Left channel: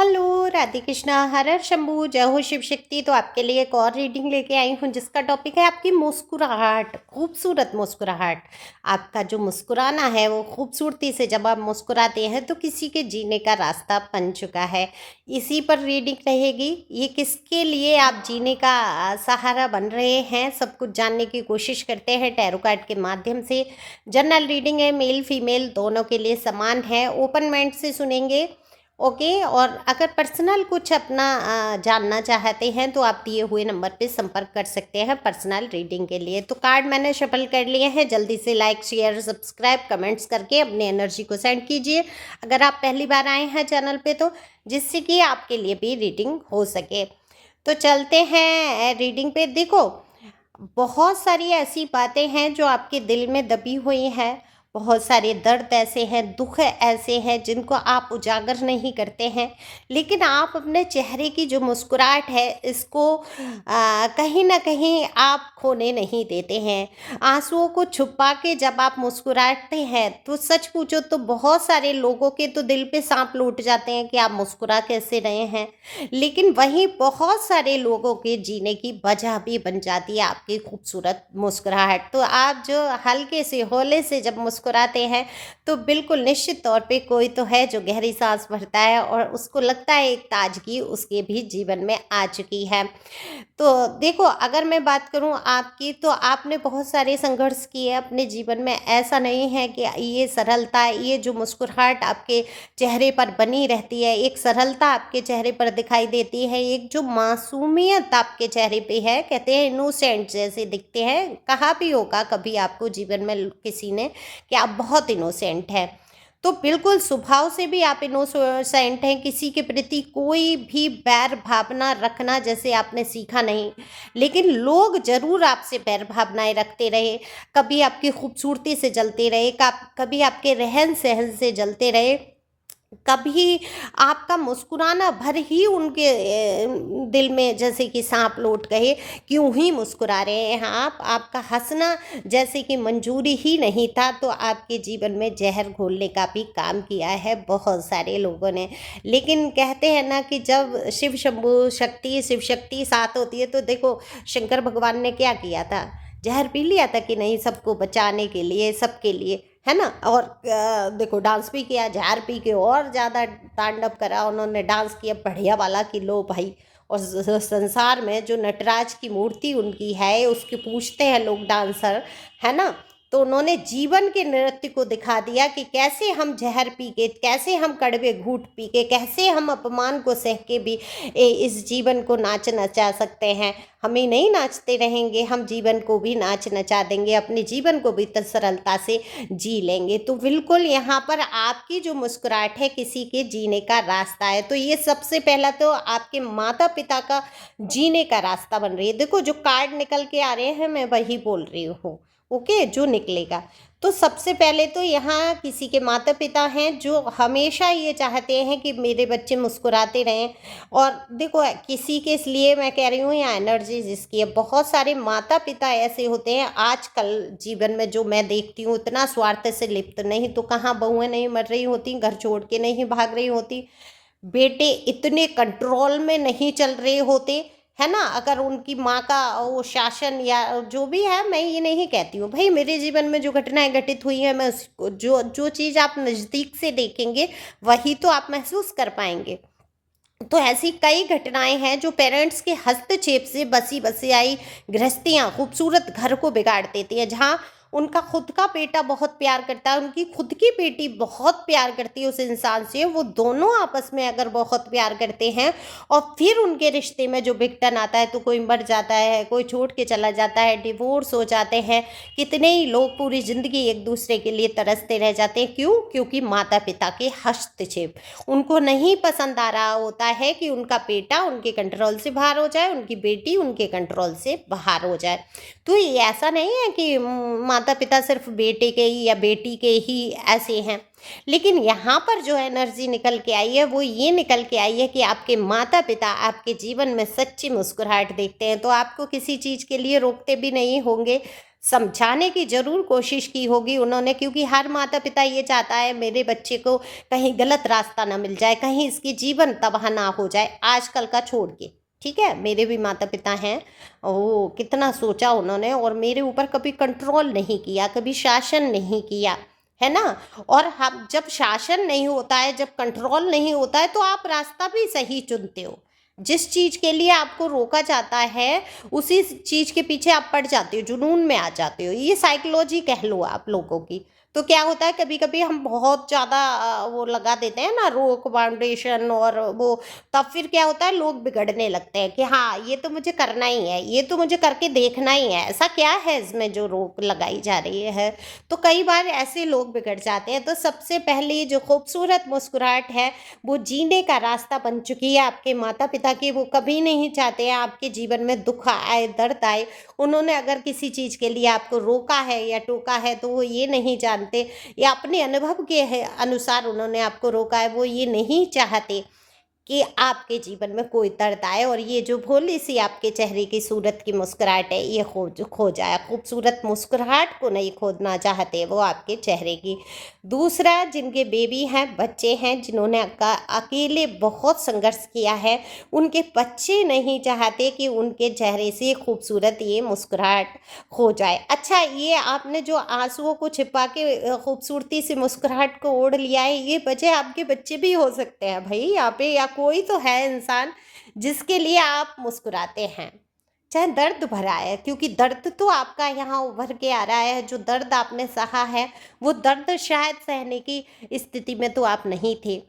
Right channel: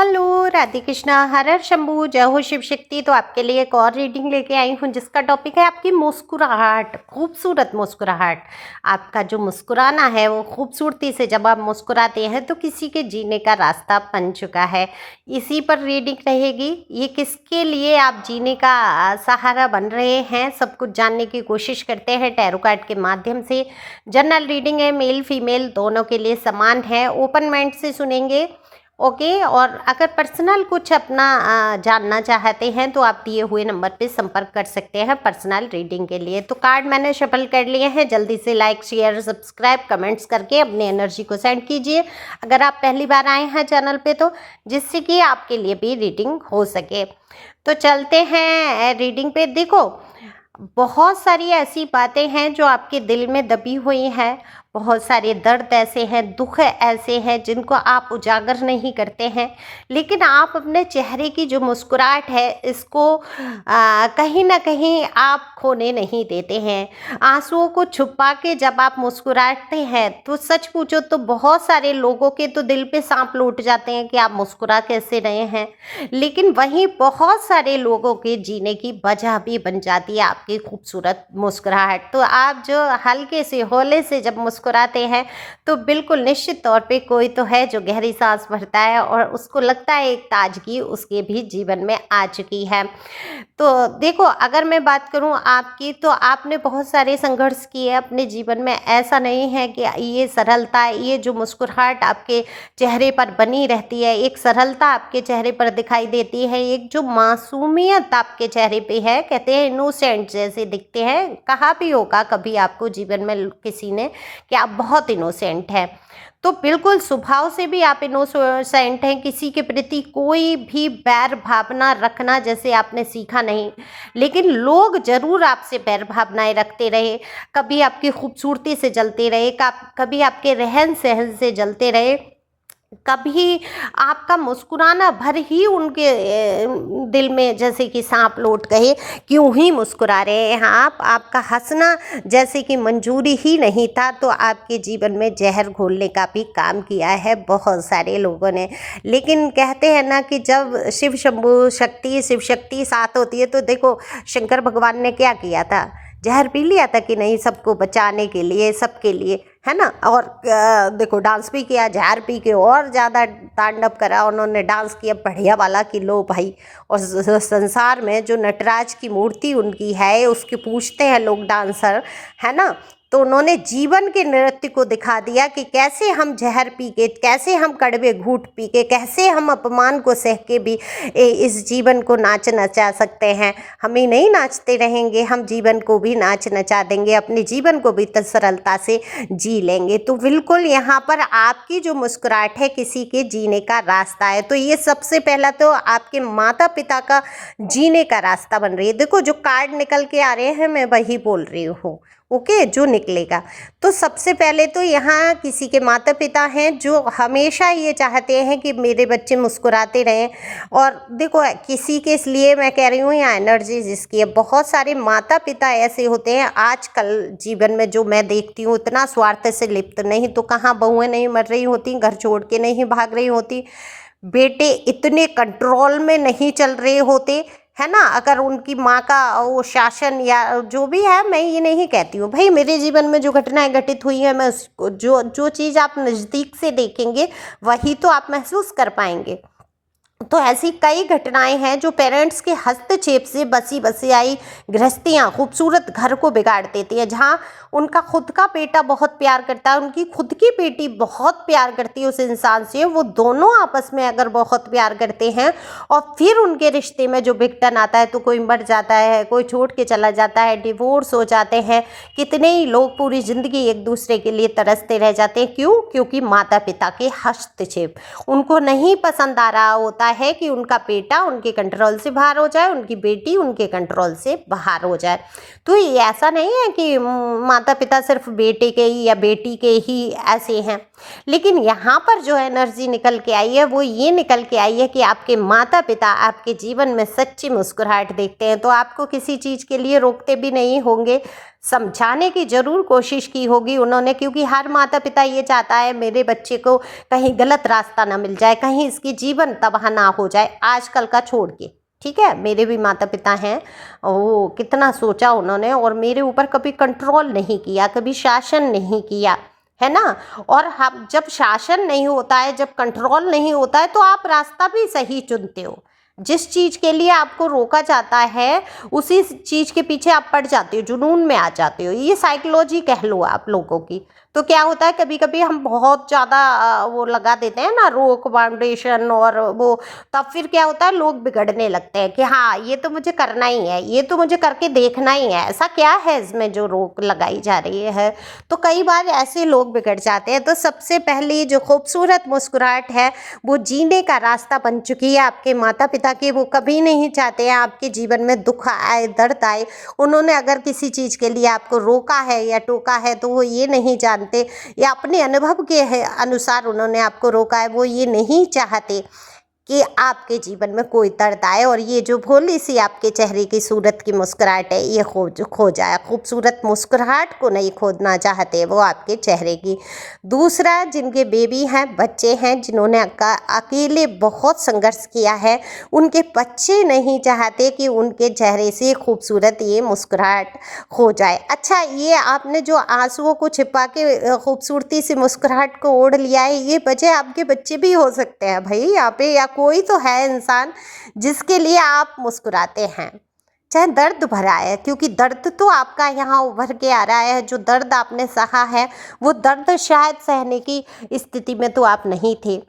Hello Radhe Krishna, हर हर शंभू, जय हो शिव शक्ति। तो आपके लिए एक और रीडिंग लेके आई हूँ जिसका टॉपिक है आपकी मुस्कुराहट, खूबसूरत मुस्कुराहट। आपका जो मुस्कुराना है वो खूबसूरती से जब आप मुस्कुराते हैं तो किसी के जीने का रास्ता बन चुका है। इसी पर रीडिंग रहेगी। ये किसके लिए आप जीने का सहारा बन रहे हैं, सब कुछ जानने की कोशिश करते हैं टैरो कार्ड के माध्यम से। जनरल रीडिंग है, मेल फीमेल दोनों के लिए समान है। ओपन माइंड से सुनेंगे, ओके। और अगर पर्सनल कुछ अपना जानना चाहते हैं तो आप दिए हुए नंबर पे संपर्क कर सकते हैं पर्सनल रीडिंग के लिए। तो कार्ड मैंने शफल कर लिए हैं। जल्दी से लाइक शेयर सब्सक्राइब कमेंट्स करके अपनी एनर्जी को सेंड कीजिए अगर आप पहली बार आए हैं चैनल पे, तो जिससे कि आपके लिए भी रीडिंग हो सके। तो चलते हैं रीडिंग पे। देखो, बहुत सारी ऐसी बातें हैं जो आपके दिल में दबी हुई हैं। बहुत सारे दर्द ऐसे हैं, दुख ऐसे हैं जिनको आप उजागर नहीं करते हैं, लेकिन आप अपने चेहरे की जो मुस्कुराहट है इसको कहीं ना कहीं आप खोने नहीं देते हैं। आंसुओं को छुपा के जब आप मुस्कुराते हैं तो सच पूछो तो बहुत सारे लोगों के तो दिल पे सांप लौट जाते हैं कि आप मुस्कुरा कैसे रहे हैं, लेकिन वहीं बहुत सारे लोगों के जीने की वजह भी बन जाती है आपकी खूबसूरत मुस्कुराहट। तो आप जो हल्के से हौले से जब मुस्कुराते हैं तो बिल्कुल निश्चित तौर पे कोई तो है जो गहरी सांस भरता है और उसको लगता है एक ताजगी उसके भी जीवन में आ चुकी है। तो देखो, अगर मैं बात करूं आपकी, तो आपने बहुत सारे संघर्ष किए अपने जीवन में। ऐसा नहीं है कि ये सरलता, ये जो मुस्कुराहट आपके चेहरे पर बनी रहती है, एक सरलता आपके चेहरे पर दिखाई देती है, एक जो मासूमियत आपके चेहरे पे है, कहते हैं इनोसेंट जैसे दिखते हैं। कहा भी होगा कभी आपको जीवन में किसी ने कि आप बहुत इनोसेंट हैं, तो बिल्कुल स्वभाव से भी आप इनोसेंट हैं। किसी के प्रति कोई भी बैर भावना रखना जैसे आपने सीखा नहीं, लेकिन लोग जरूर आपसे बैर भावनाएं रखते रहे। कभी आपकी खूबसूरती से जलते रहे, कभी आपके रहन सहन से जलते रहे, कभी आपका मुस्कुराना भर ही उनके दिल में जैसे कि सांप लौट गए, क्यों ही मुस्कुरा रहे हैं आप, आपका हंसना जैसे कि मंजूरी ही नहीं था। तो आपके जीवन में जहर घोलने का भी काम किया है बहुत सारे लोगों ने। लेकिन कहते हैं ना कि जब शिव शंभू शक्ति शिव शक्ति साथ होती है, तो देखो शंकर भगवान ने क्या किया था, जहर पी लिया था कि नहीं, सबको बचाने के लिए, सबके लिए, है ना। और देखो डांस भी किया, जहर पी के और ज़्यादा तांडव करा उन्होंने, डांस किया बढ़िया वाला कि लो भाई। और संसार में जो नटराज की मूर्ति उनकी है उसके पूछते हैं लोग डांसर, है ना। तो उन्होंने जीवन के नृत्य को दिखा दिया कि कैसे हम जहर पी के, कैसे हम कड़वे घूंट पी के, कैसे हम अपमान को सह के भी इस जीवन को नाच नचा सकते हैं। हम ही नहीं नाचते रहेंगे, हम जीवन को भी नाच नचा देंगे, अपने जीवन को भी सरलता से जी लेंगे। तो बिल्कुल यहाँ पर आपकी जो मुस्कुराहट है किसी के जीने का रास्ता है। तो ये सबसे पहला तो आपके माता पिता का जीने का रास्ता बन रही है। देखो जो कार्ड निकल के आ रहे हैं मैं वही बोल रही हूँ, ओके, जो निकलेगा। तो सबसे पहले तो यहाँ किसी के माता पिता हैं जो हमेशा ये चाहते हैं कि मेरे बच्चे मुस्कुराते रहें। और देखो किसी के, इसलिए मैं कह रही हूँ यहाँ एनर्जी जिसकी है, बहुत सारे माता पिता ऐसे होते हैं आजकल जीवन में जो मैं देखती हूँ, इतना स्वार्थ से लिप्त, नहीं तो कहाँ बहुएं नहीं मर रही होती, घर छोड़ के नहीं भाग रही होती, बेटे इतने कंट्रोल में नहीं चल रहे होते, है ना। अगर उनकी माँ का वो शासन या जो भी है, मैं ये नहीं कहती हूँ भाई, मेरे जीवन में जो घटनाएं घटित हुई हैं, मैं उसको जो जो चीज़ आप नज़दीक से देखेंगे वही तो आप महसूस कर पाएंगे। तो ऐसी कई घटनाएं हैं जो पेरेंट्स के हस्तक्षेप से बसी बसी आई गृहस्थियाँ खूबसूरत घर को बिगाड़ देती हैं। जहाँ उनका खुद का बेटा बहुत प्यार करता है, उनकी खुद की बेटी बहुत प्यार करती है उस इंसान से, वो दोनों आपस में अगर बहुत प्यार करते हैं और फिर उनके रिश्ते में जो विघटन आता है, तो कोई मर जाता है, कोई छोड़ के चला जाता है, डिवोर्स हो जाते हैं, कितने ही लोग पूरी ज़िंदगी एक दूसरे के लिए तरसते रह जाते हैं। क्यों? क्योंकि माता पिता के हस्तक्षेप, उनको नहीं पसंद आ रहा होता है कि उनका बेटा उनके कंट्रोल से बाहर हो जाए, उनकी बेटी उनके कंट्रोल से बाहर हो जाए। तो ये ऐसा नहीं है कि माता पिता सिर्फ बेटे के ही या बेटी के ही ऐसे हैं। लेकिन यहाँ पर जो एनर्जी निकल के आई है वो ये निकल के आई है कि आपके माता पिता आपके जीवन में सच्ची मुस्कुराहट देखते हैं, तो आपको किसी चीज़ के लिए रोकते भी नहीं होंगे, समझाने की ज़रूर कोशिश की होगी उन्होंने, क्योंकि हर माता पिता ये चाहता है मेरे बच्चे को कहीं गलत रास्ता ना मिल जाए, कहीं इसकी जीवन तबाह ना हो जाए, आजकल का छोड़ के। ठीक है, मेरे भी माता पिता हैं, वो कितना सोचा उन्होंने और मेरे ऊपर कभी कंट्रोल नहीं किया, कभी शासन नहीं किया, है ना। और हम जब शासन नहीं होता है, जब कंट्रोल नहीं होता है, तो आप रास्ता भी सही चुनते हो। जिस चीज़ के लिए आपको रोका जाता है उसी चीज़ के पीछे आप पड़ जाते हो, जुनून में आ जाते हो। ये साइकोलॉजी कह लो आप लोगों की। तो क्या होता है, कभी कभी हम बहुत ज़्यादा वो लगा देते हैं ना रोक फाउंडेशन, और वो तब फिर क्या होता है, लोग बिगड़ने लगते हैं कि हाँ ये तो मुझे करना ही है, ये तो मुझे करके देखना ही है, ऐसा क्या है इसमें जो रोक लगाई जा रही है। तो कई बार ऐसे लोग बिगड़ जाते हैं। तो सबसे पहले जो खूबसूरत मुस्कुराहट है वो जीने का रास्ता बन चुकी है आपके माता पिता की। वो कभी नहीं चाहते हैं आपके जीवन में दुख आए, दर्द आए। उन्होंने अगर किसी चीज़ के लिए आपको रोका है या टोका है तो वो ये नहीं जानते, या अपने अनुभव के अनुसार उन्होंने आपको रोका है, वो ये नहीं चाहते कि आपके जीवन में कोई दर्द आए। और ये जो भोली सी आपके चेहरे की सूरत की मुस्कुराहट है ये खो जाए। खूबसूरत मुस्कुराहट को नहीं खोदना चाहते वो आपके चेहरे की। दूसरा, जिनके बेबी हैं, बच्चे हैं, जिन्होंने अकेले बहुत संघर्ष किया है, उनके बच्चे नहीं चाहते कि उनके चेहरे से खूबसूरत ये मुस्कुराहट खो जाए। अच्छा, ये आपने जो आंसुओं को छिपा के खूबसूरती से मुस्कुराहट को ओढ़ लिया है, ये वजह आपके बच्चे भी हो सकते हैं भाई यहाँ पे, या कोई तो है इंसान जिसके लिए आप मुस्कुराते हैं, चाहे दर्द भरा है, क्योंकि दर्द तो आपका यहाँ उभर के आ रहा है। जो दर्द आपने सहा है वो दर्द शायद सहने की स्थिति में तो आप नहीं थे,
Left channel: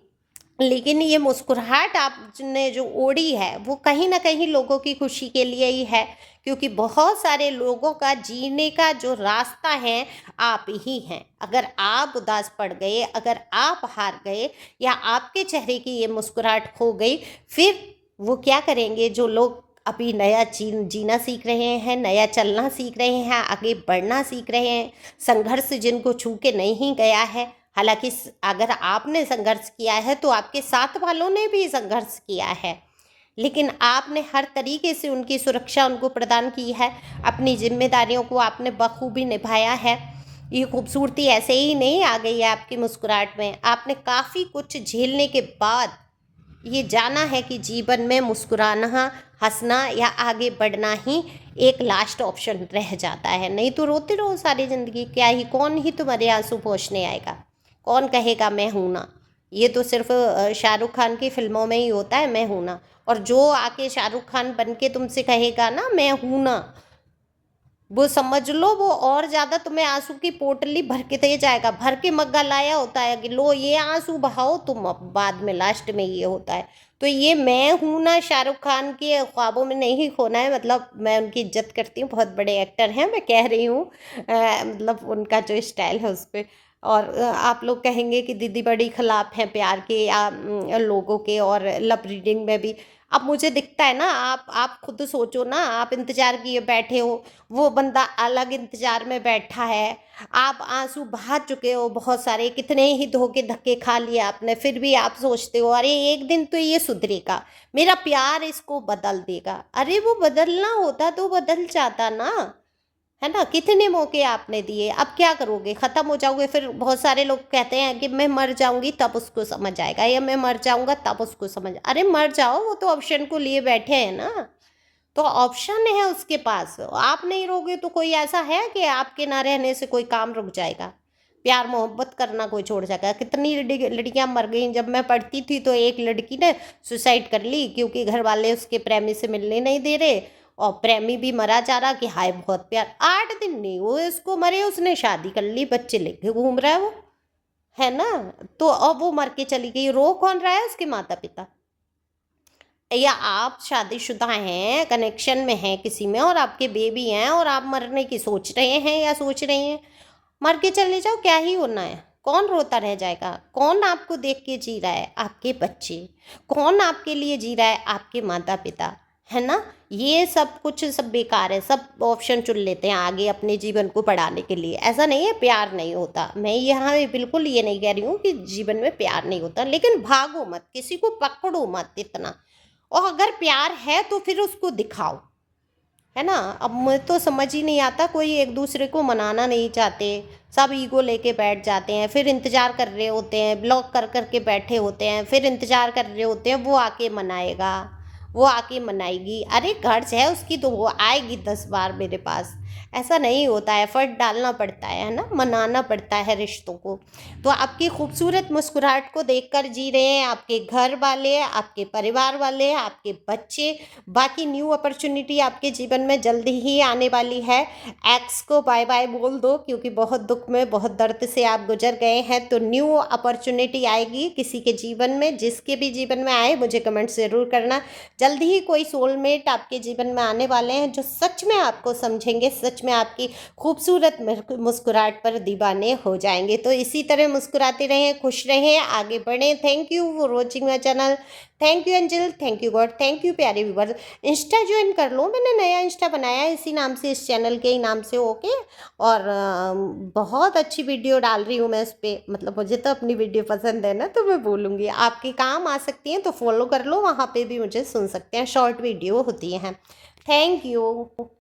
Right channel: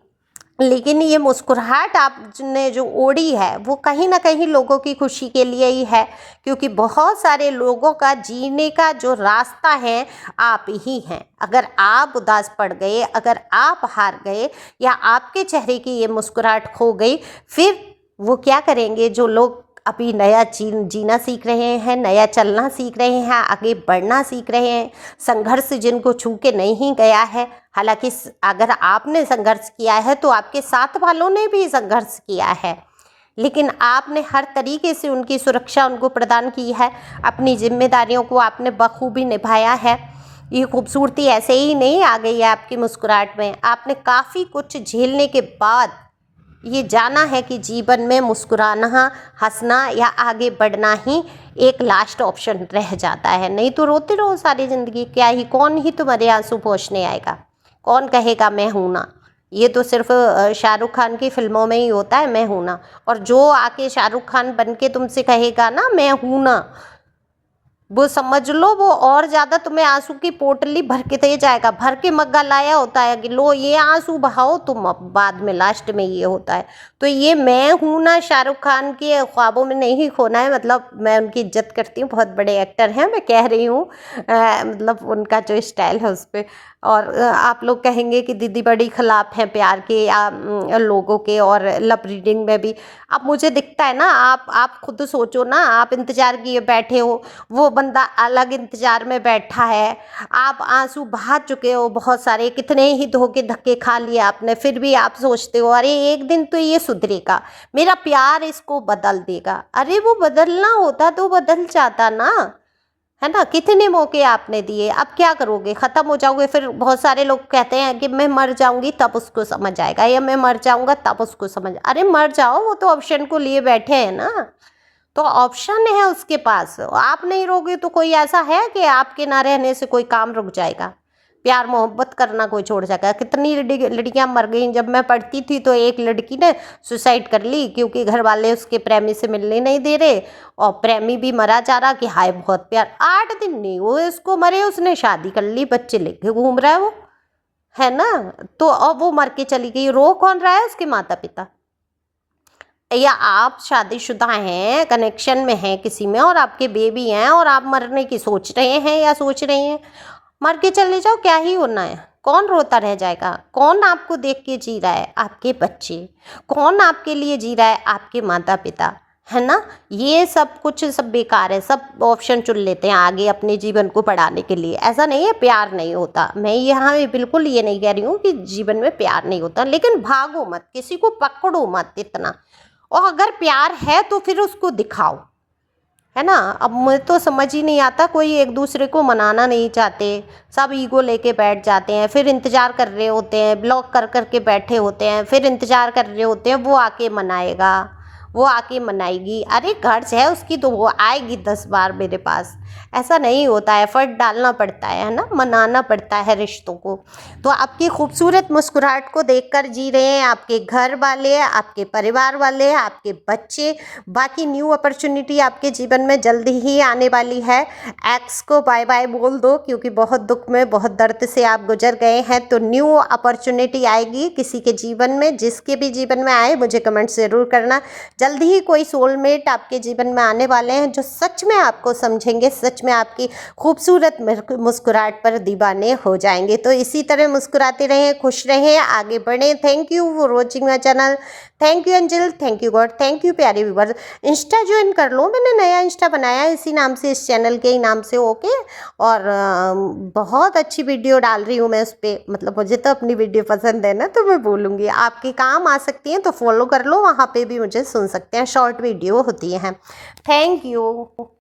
लेकिन ये मुस्कुराहट आपने जो ओढ़ी है वो कहीं ना कहीं लोगों की खुशी के लिए ही है, क्योंकि बहुत सारे लोगों का जीने का जो रास्ता है आप ही हैं। अगर आप उदास पड़ गए, अगर आप हार गए, या आपके चेहरे की ये मुस्कुराहट खो गई, फिर वो क्या करेंगे जो लोग अभी नया जीना सीख रहे हैं, नया चलना सीख रहे हैं, आगे बढ़ना सीख रहे हैं, संघर्ष जिनको छू के नहीं गया है। हालांकि अगर आपने संघर्ष किया है तो आपके साथ वालों ने भी संघर्ष किया है, लेकिन आपने हर तरीके से उनकी सुरक्षा उनको प्रदान की है, अपनी जिम्मेदारियों को आपने बखूबी निभाया है। ये खूबसूरती ऐसे ही नहीं आ गई है आपकी मुस्कुराहट में, आपने काफ़ी कुछ झेलने के बाद ये जाना है कि जीवन में मुस्कुराना, हंसना या आगे बढ़ना ही एक लास्ट ऑप्शन रह जाता है। नहीं तो रोते रहो सारी ज़िंदगी, क्या ही, कौन ही तुम्हारे आंसू पोंछने आएगा, कौन कहेगा मैं हूँ ना। ये तो सिर्फ शाहरुख खान की फिल्मों में ही होता है मैं हूँ ना, और जो आके शाहरुख खान बन के तुमसे कहेगा ना मैं हूँ ना, वो समझ लो वो और ज़्यादा तुम्हें आंसू की पोटली भर के दे जाएगा। भर के मग्गा लाया होता है कि लो ये आंसू बहाओ तुम, अब बाद में लास्ट में ये होता है। तो ये मैं हूँ ना शाहरुख खान के ख्वाबों में नहीं खोना है। मतलब मैं उनकी इज्जत करती हूँ, बहुत बड़े एक्टर हैं, मैं कह रही हूँ मतलब उनका जो स्टाइल है उस पर। और आप लोग कहेंगे कि दीदी बड़ी खिलाफ हैं प्यार के या लोगों के, और लव रीडिंग में भी। अब मुझे दिखता है ना, आप खुद सोचो ना, आप इंतज़ार किए बैठे हो, वो बंदा अलग इंतज़ार में बैठा है, आप आंसू बहा चुके हो बहुत सारे, कितने ही धोखे धक्के खा लिए आपने, फिर भी आप सोचते हो अरे एक दिन तो ये सुधरेगा, मेरा प्यार इसको बदल देगा। अरे वो बदलना होता तो बदल जाता ना, है ना। कितने मौके आपने दिए, अब क्या करोगे, ख़त्म हो जाओगे। फिर बहुत सारे लोग कहते हैं कि मैं मर जाऊंगी तब उसको समझ आएगा, या मैं मर जाऊंगा तब उसको समझ। अरे मर जाओ, वो तो ऑप्शन को लिए बैठे हैं ना, तो ऑप्शन है उसके पास। आप नहीं रहोगे तो कोई ऐसा है कि आपके ना रहने से कोई काम रुक जाएगा, प्यार मोहब्बत करना कोई छोड़ जाएगा। कितनी लड़कियां मर गई। जब मैं पढ़ती थी तो एक लड़की ने सुसाइड कर ली क्योंकि घर वाले उसके प्रेमी से मिलने नहीं दे रहे, और प्रेमी भी मरा जा रहा कि हाय बहुत प्यार। 8 दिन नहीं हुए उसको मरे, उसने शादी कर ली, बच्चे लेके घूम रहा है वो, है ना। तो अब वो मर के चली गई, रो कौन रहा है, उसके माता पिता। या आप शादीशुदा हैं, कनेक्शन में हैं किसी में, और आपके बेबी हैं, और आप मरने की सोच रहे हैं या सोच रही हैं, मर के चले जाओ, क्या ही होना है। कौन रोता रह जाएगा, कौन आपको देख के जी रहा है, आपके बच्चे। कौन आपके लिए जी रहा है, आपके माता पिता, है ना। ये सब कुछ सब बेकार है, सब ऑप्शन चुन लेते हैं आगे अपने जीवन को बढ़ाने के लिए। ऐसा नहीं है प्यार नहीं होता, मैं यहाँ बिल्कुल ये नहीं कह रही हूँ कि जीवन में प्यार नहीं होता, लेकिन भागो मत, किसी को पकड़ो मत इतना। और अगर प्यार है तो फिर उसको दिखाओ, है ना। अब मुझे तो समझ ही नहीं आता, कोई एक दूसरे को मनाना नहीं चाहते, सब ईगो लेके बैठ जाते हैं, फिर इंतज़ार कर रहे होते हैं, ब्लॉक कर कर के बैठे होते हैं, फिर इंतज़ार कर रहे होते हैं वो आके मनाएगा, वो आके मनाएगी। अरे गर्ज है उसकी तो वो आएगी 10 बार मेरे पास। ऐसा नहीं होता है, एफर्ट डालना पड़ता है ना, मनाना पड़ता है रिश्तों को। तो आपकी खूबसूरत मुस्कुराहट को देखकर जी रहे हैं आपके घर वाले, आपके परिवार वाले, आपके बच्चे। बाकी न्यू अपॉर्चुनिटी आपके जीवन में जल्दी ही आने वाली है। एक्स को बाय बाय बोल दो, क्योंकि बहुत दुख में बहुत दर्द से आप गुजर गए हैं। तो न्यू अपॉर्चुनिटी आएगी किसी के जीवन में, जिसके भी जीवन में आए मुझे कमेंट ज़रूर करना। जल्दी ही कोई सोलमेट आपके जीवन में आने वाले हैं जो सच में आपको समझेंगे, सच में आपकी खूबसूरत मुस्कुराहट पर दीवाने हो जाएंगे। तो इसी तरह मुस्कुराते रहें, खुश रहें, आगे बढ़ें। Thank you for watching my channel. Thank you angel, thank you God, thank you प्यारे व्यूवर्स। इंस्टा ज्वाइन कर लो, मैंने नया इंस्टा बनाया है इसी नाम से, इस चैनल के ही नाम से, ओके। और बहुत अच्छी वीडियो डाल रही हूँ मैं उस पर, मतलब मुझे तो अपनी वीडियो पसंद है ना, तो मैं बोलूँगी आपके काम आ सकती हैं, तो फॉलो कर लो, वहाँ पे भी मुझे सुन सकते हैं, शॉर्ट वीडियो होती हैं। Thank you.